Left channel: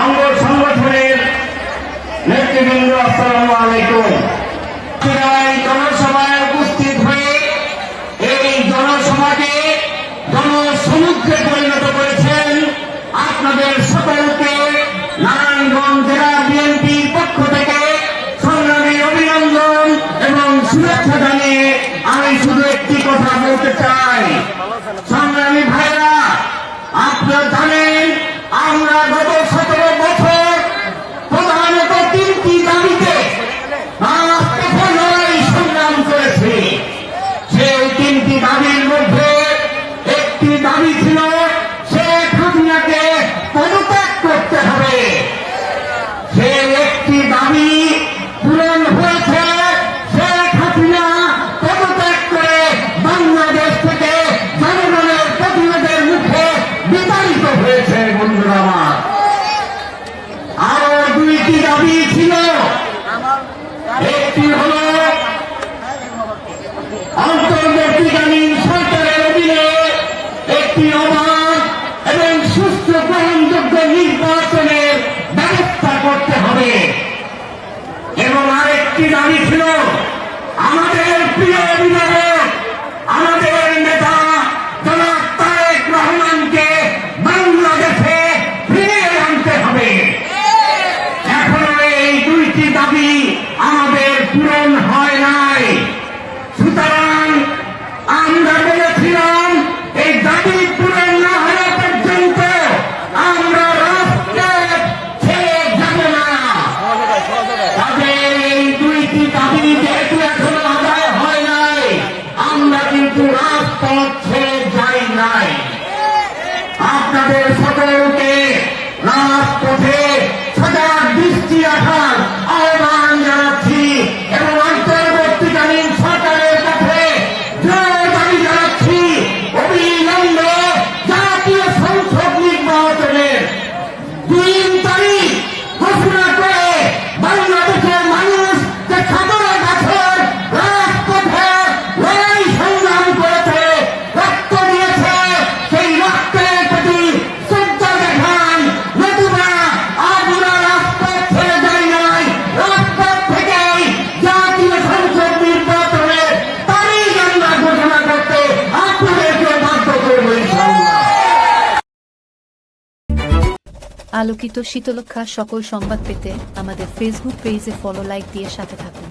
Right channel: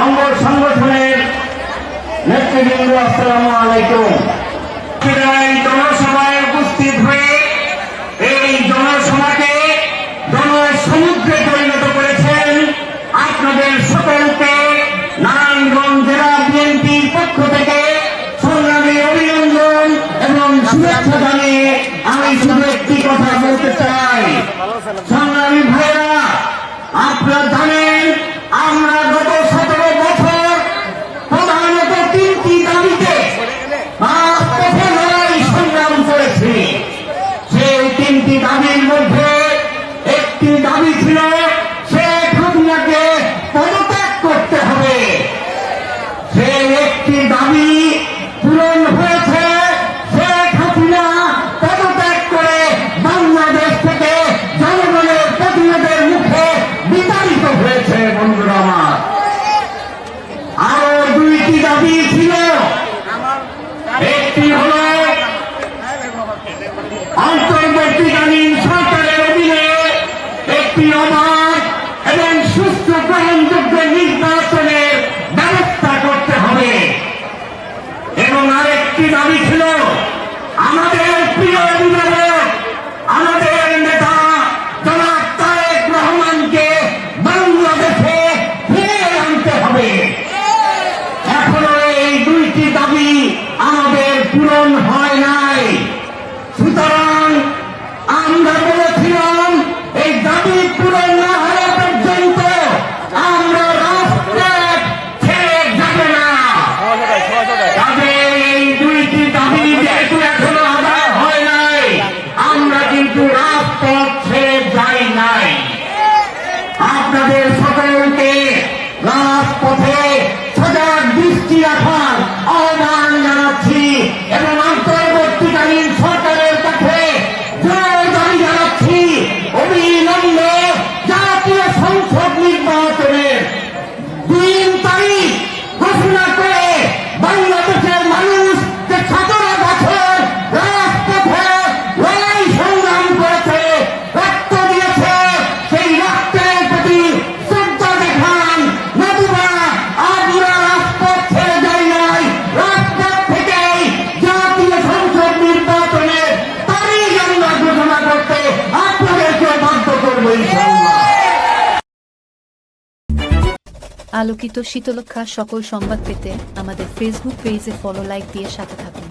অঙ্গ সংগঠনের নেতৃবৃন্দ, আসসালামু আলাইকুম। জনসভায় উপস্থিত হয়ে এই জনসভাকে জনসমুদ্রে পরিণত করেছেন আপনাদের সকলকে নারায়ণগঞ্জ জেলা বিএনপির পক্ষ থেকে সংগ্রামী অভিনন্দন এবং শুভেচ্ছা জানিয়ে আমি শুধু একটি কথা বলতে চাই। সংগ্রামী ভাইরা, আপনারা জানেন আমরা গত 17 বছর প্রধানত 3টি দাবিতে রাজপথে লড়াই সংগ্রাম করেছি। সেই 3টি দাবির মধ্যে একটি দাবি ছিল শেখ হাসিনাকে পদত্যাগ করতে হবে। সেই একটি দাবি পূরণ হয়েছে। শেখ হাসিনা পদত্যাগ করে বাংলাদেশ থেকে জনগণের প্রতিরোধের মুখে বিতাড়িত হয়েছে। বন্ধুরা আমার, আরো 2টি দাবি ছিল। একটি হল অন্তর্বর্তীকালীন সরকারের অধীনে একটি অবাধ এবং সুস্থ গ্রহণযোগ্য নির্বাচনের ব্যবস্থা করতে হবে। এবং আরেকটি দাবি ছিল আমাদের প্রিয় অভিভাবক, আমাদের নেতা জনাব তারেক রহমানকে বাংলাদেশে ফিরিয়ে আনতে হবে। এখনো এই 2টি দাবি আমাদের পূরণ হয় নাই। সুতরাং আমরা বলেছিলাম এই দাবি পূরণ না হওয়া পর্যন্ত আমরা রাজপথ ছেড়ে যাব না। তাদের এই 2টি দাবি যেহেতু এখনো আদায় হয় নাই, আমরা কিন্তু রাজপথ ছেড়ে যাই নাই। আপনাদের সকলকে রাজপথে সজাগ দৃষ্টি রাখার আহ্বান জানাচ্ছি এবং অন্তর্বর্তীকালীন সরকারের কাছে জোর দাবি জানাচ্ছি অবিলম্বে জাতীয় সংসদ নির্বাচনের 2 তারিখ ঘোষণা করে বাংলাদেশের মানুষ যে 17 বছর রাজপথে লড়াই সংগ্রাম করেছে, রক্ত দিয়েছে, সেই রক্তের প্রতি শ্রদ্ধা দেখান। নতুবা আমরা রাজপথ ছেড়ে যাই নাই। রাজপথ থেকেই জাতীয় সংসদ নির্বাচনের তারিখ আমরা ঘোষণা করতে আপনাদেরকে বাধ্য করবো ইনশাআল্লাহ। আলোকিত শীতলক্ষা সকল সংবাদ পেতে আমাদের ফেসবুক পেজে ফলো, লাইক দিয়ে সাথে থাকুন।